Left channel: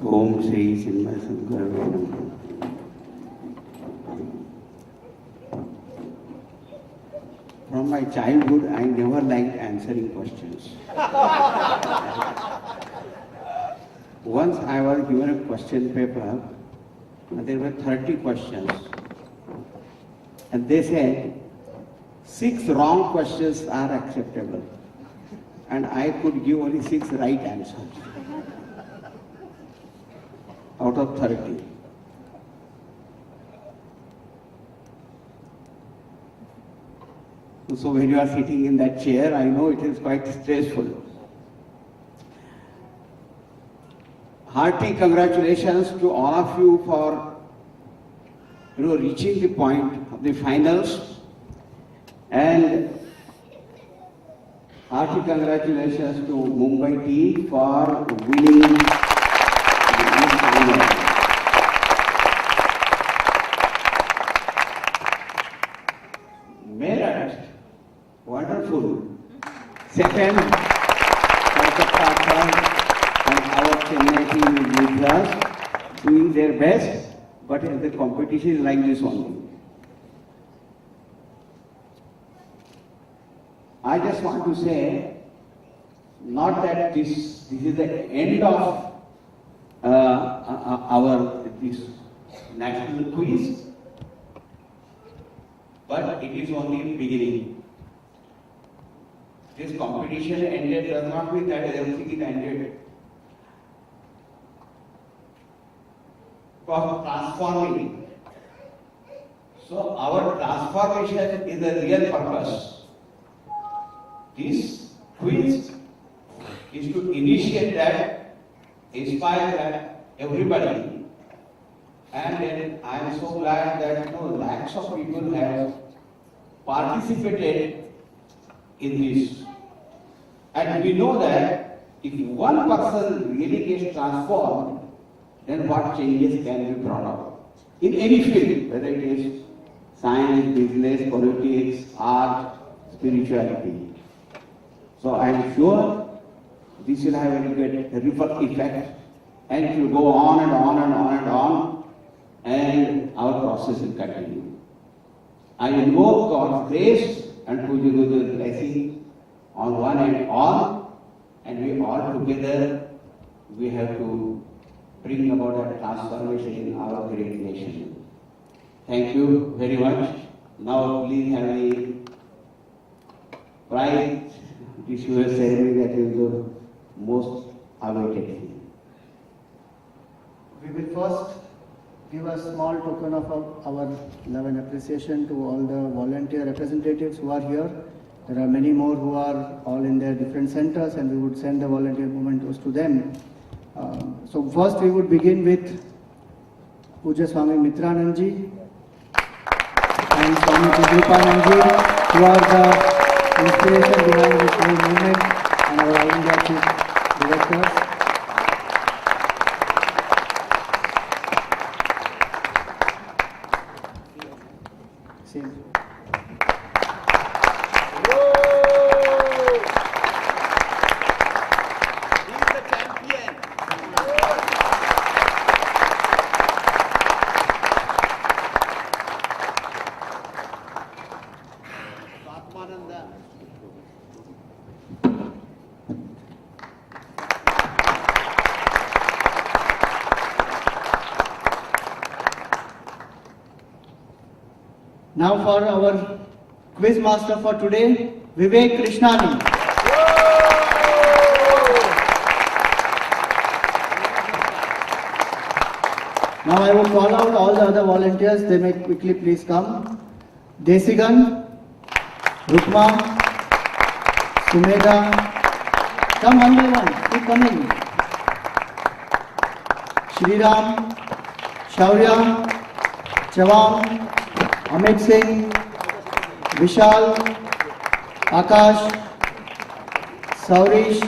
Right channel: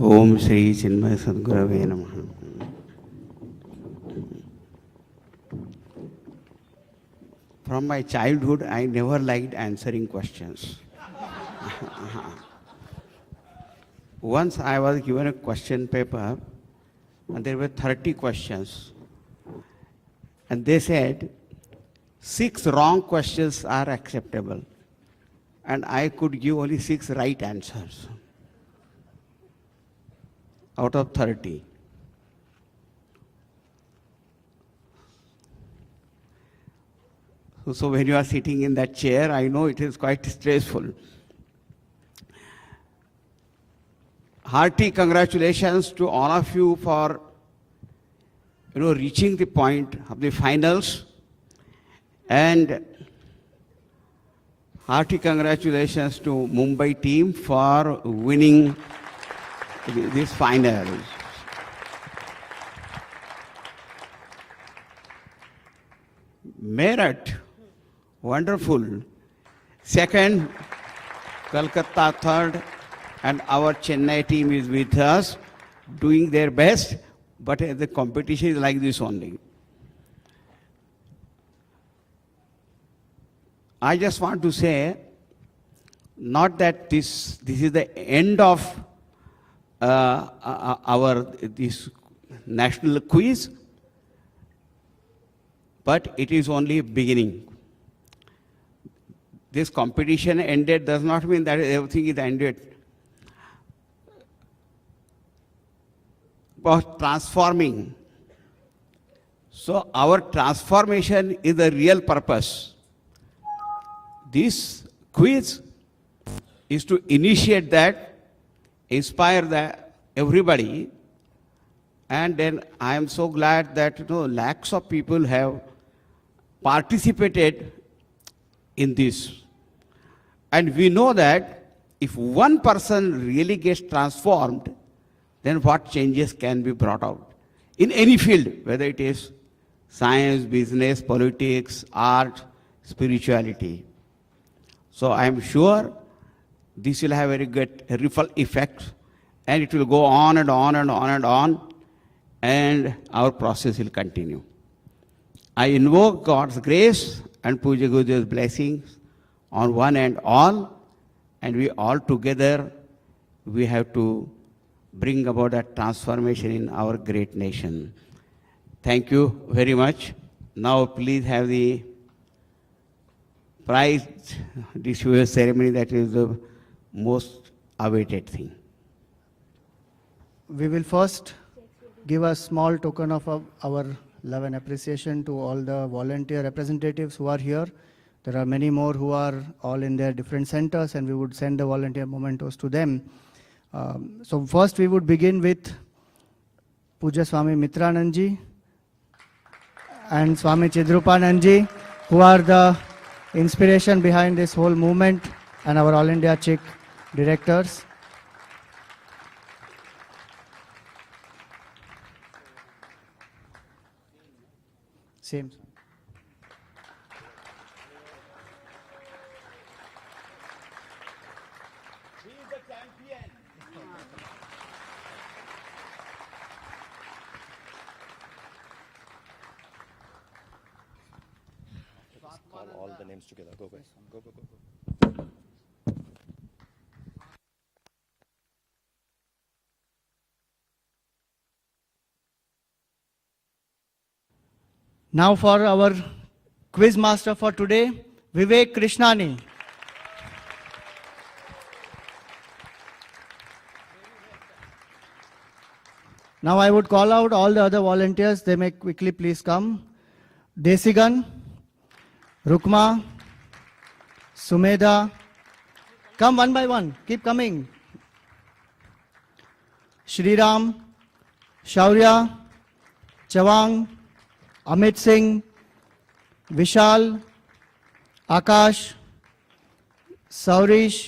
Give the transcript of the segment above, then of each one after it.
Om Shri Chinmaya Sadgurave Namaha. From my childhood, I never liked answering questions. Once I was given a question paper, and there were 30 questions. And they said, 6 wrong questions are acceptable. And I could give only 6 right answers out of 30. So when you are sitting in that chair, I know it is quite stressful. Hearty congratulations to all of you for reaching the point of the finals, and hearty congratulations to Mumbai team for winning this final. Meerut, wonderful. Second, Kolkata third, and our Chennai team is with us, doing their best, but the competition is like this only. I just want to say, not that this is the end of this national quiz, but it is only beginning. This competition ended does not mean that everything is ended. But transforming. So our transformation is the real purpose. This quiz is to initiate that, inspire that everybody, and then I am so glad that lakhs of people have participated in this. And we know that if one person really gets transformed, then what changes can be brought up in any field, whether it is science, business, politics, art, spirituality. So I am sure this will have a very good ripple effect, and it will go on and on and on and on, and our process will continue. I invoke God's grace and Puja Guruji's blessings on one and all, and we all together, we have to bring about a transformation in our great nation. Thank you very much. Now please have the prize disposal ceremony, that is the most awaited thing. We will first give a small token of our love and appreciation to all the volunteer representatives who are here. There are many more who are all in their different centers, and we would send the volunteer mementos to them. So first we would begin with Puja Swami Mitranandji and Swami Jidrupanandji, who are the inspiration behind this whole movement, and our All India Chief Directors. Same. Now for our quiz master for today, Vivek Krishnani. Now I will call out all the other volunteers. They may quickly please come. Desigan, Rukma, Sumedha. Come one by one. Keep coming. Shriram, Shaurya, Chawang, Amit Singh, Vishal, Akash, Saurish,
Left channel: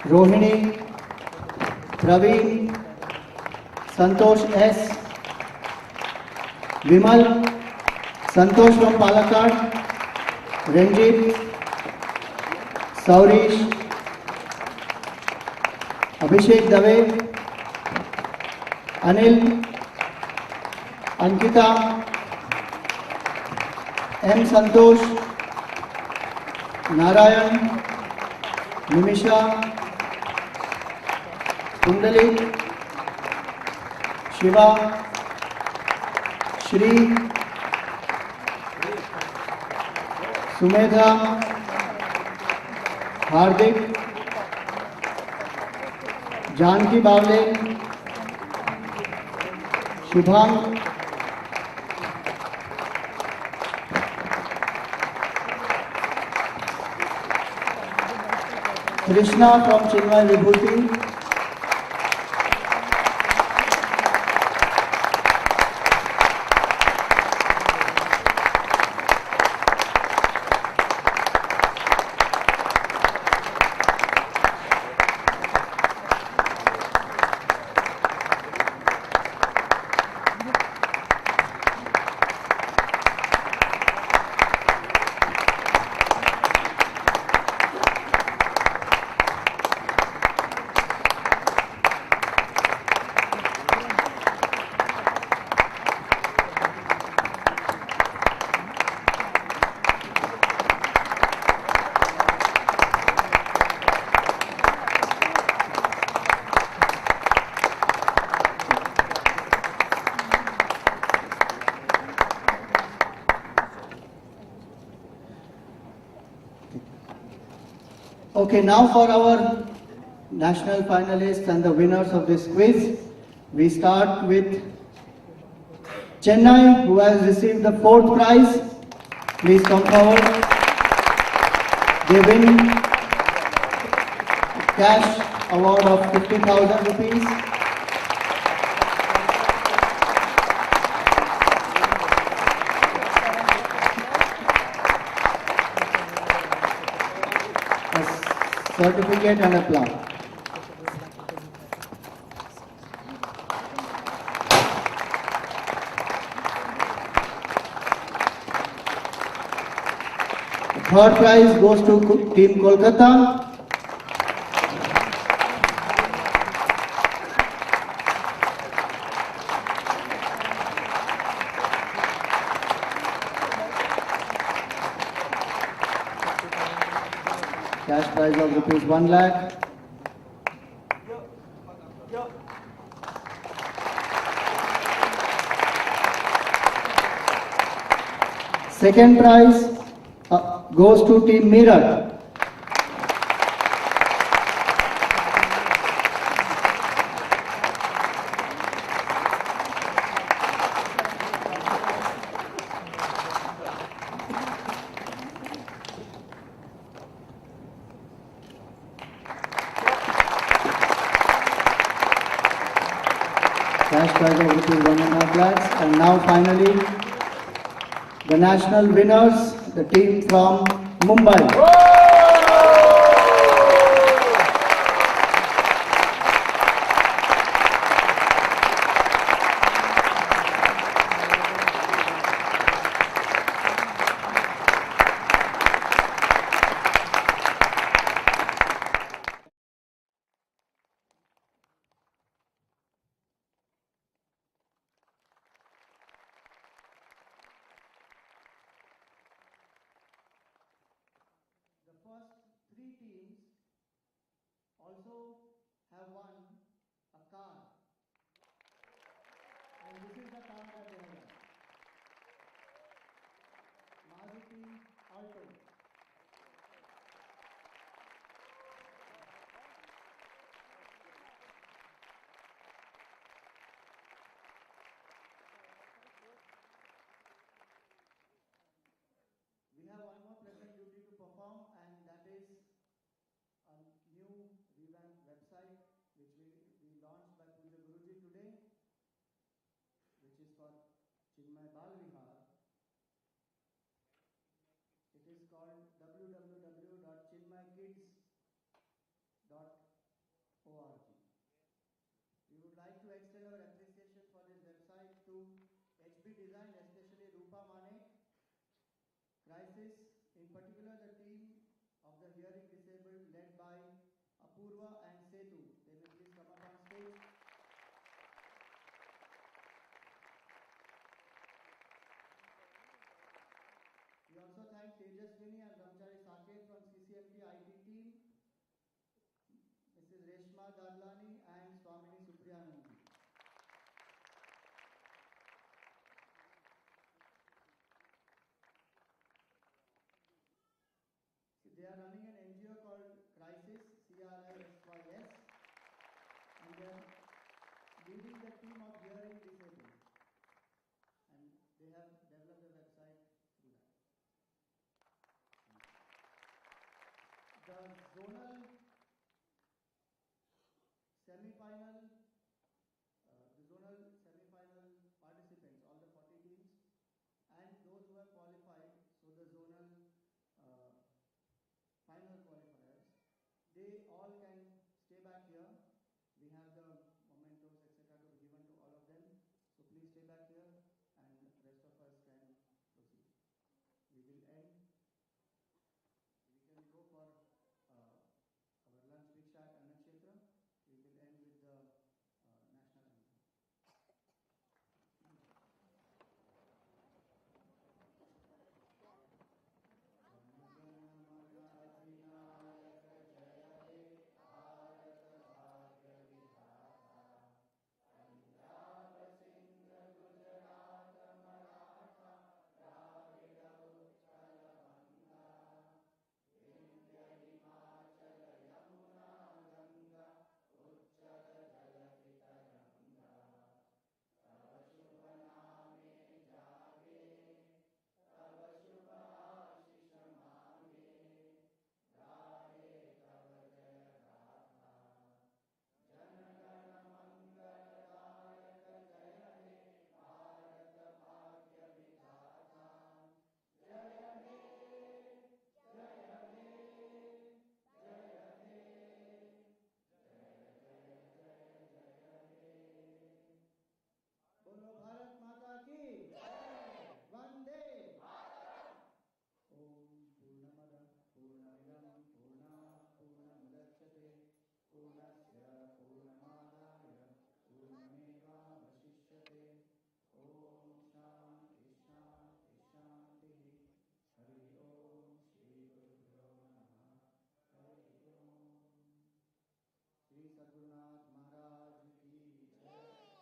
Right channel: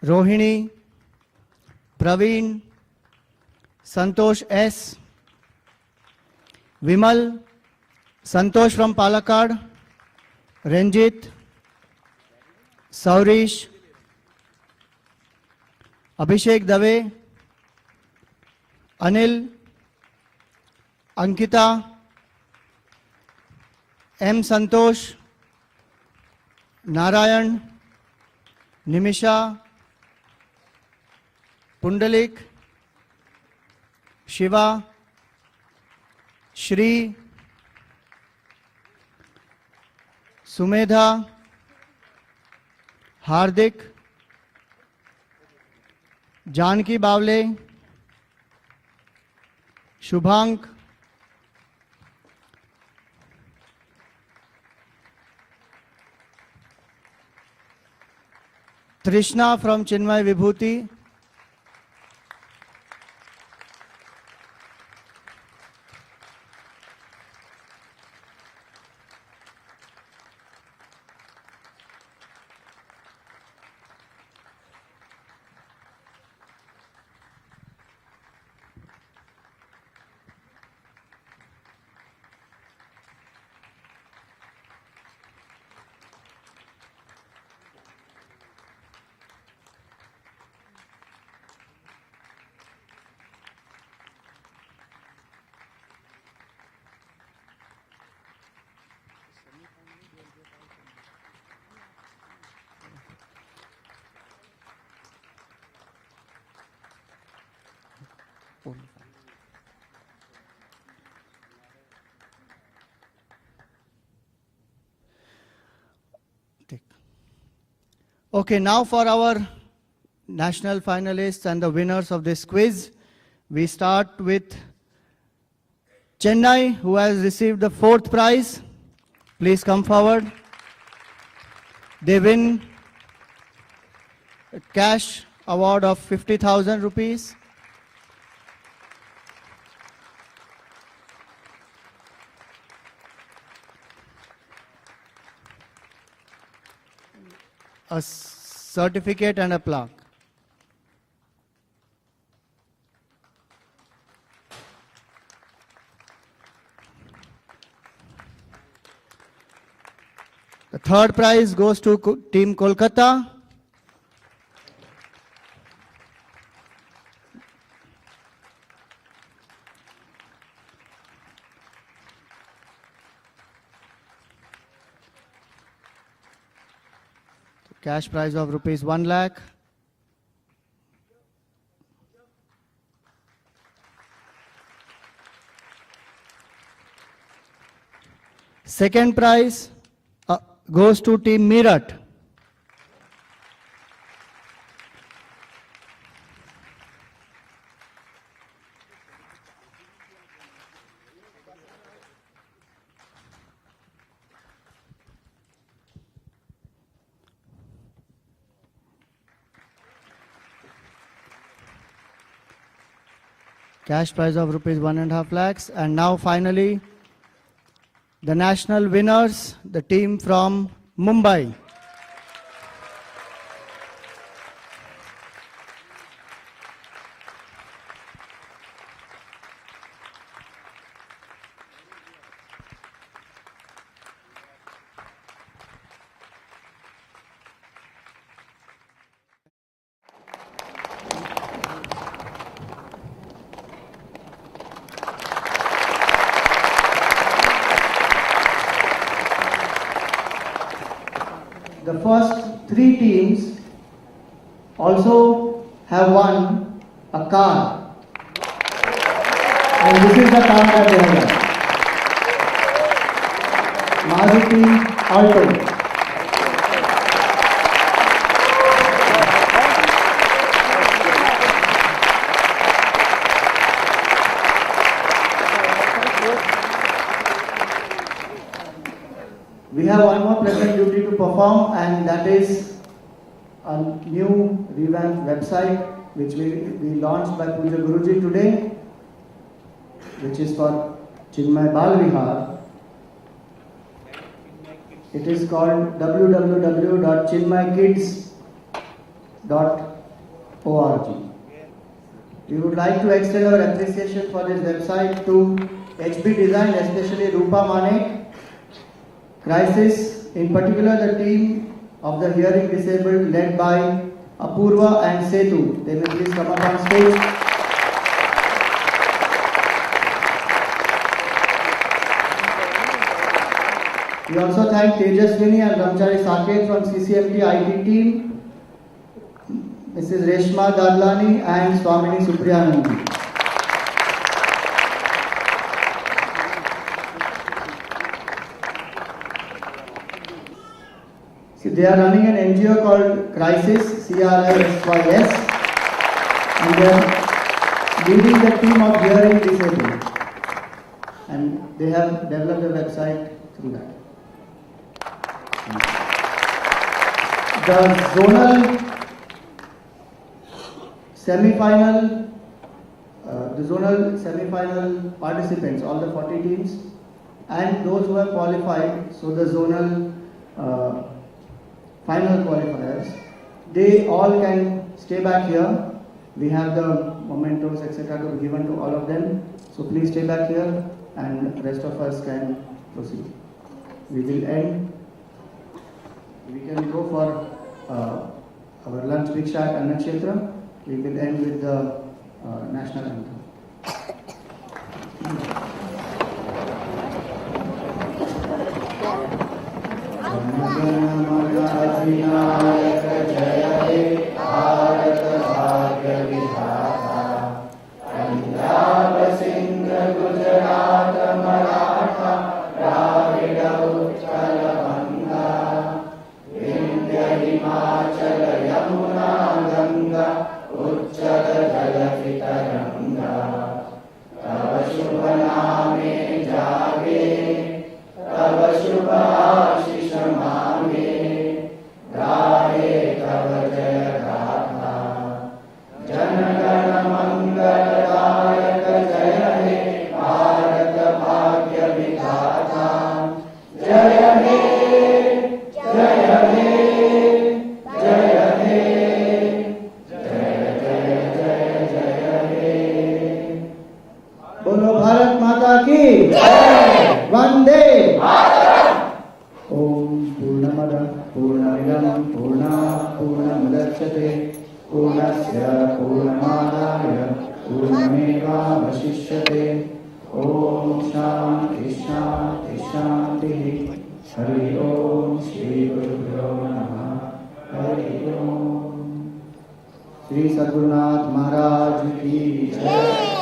Rohini, Praveen, Santosh S, Vimal, Santosh from Palakkad, Ranjit, Saurish, Abhishek Dave, Anil, Ankita, M. Santosh, Narayan, Nimisha, Pundalik, Shiva, Shri, Sumedha, Hardik, Janki Bavle, Shubham, Krishna from Chinmay Vibhuti, Okay, now for our national finalists and the winners of this quiz, we start with Chennai, who has received the 4th prize. Please come forward. They win cash award of 50,000 rupees. A certificate and a plaque. The 3rd prize goes to Team Kolkata. Cash prize of rupees 1 lakh. Second prize goes to Team Meerut. Cash prize of rupees 1.5 lakhs. And now finally, the national winners, the team from Mumbai. The first 3 teams also have won a car. And this is the car that they have won. Maruti Alto. We have one more pleasant duty to perform, and that is a new revamped website which will be launched by Puja Guruji today, which is for Chinmay Bal Vihar. It is called www.chinmaykids.org. We would like to extend our appreciation for this website to HB Design, especially Rupa Manek, Crisis, in particular the team of the hearing disabled led by Apurva and Setu. They may please come up on stage. We also thank Tejaswini and Ramchari Saket from CCMT IT team, Mrs. Reshma Dadlani and Swamini Supriyanandi. See, they are running an NGO called Crisis, CRISYS, and they are leading the team of hearing disabled. And they have developed a website through that. The zonal semi-final participants, all the 40 teams, and those who have qualified, so the zonal final qualifiers, they all can stay back here. We have the mementos, etc. to be given to all of them. So please stay back here, and the rest of us can proceed. We will end. We can go for our lunch Bhiksha at Annakshetra. We will end with the national anthem. बोलो भारत माता की वंदे ओम पूर्णमद पूर्णमिदं पूर्णात् पूर्णमुदच्यते पूर्णस्य पूर्णमादाय पूर्णमेवावशिष्यते ओम शांति शांति शांतिः हरि ओम श्री गुरुभ्यो नमः हरि ओम श्री सद्गुरुनाथ महाराज की जय।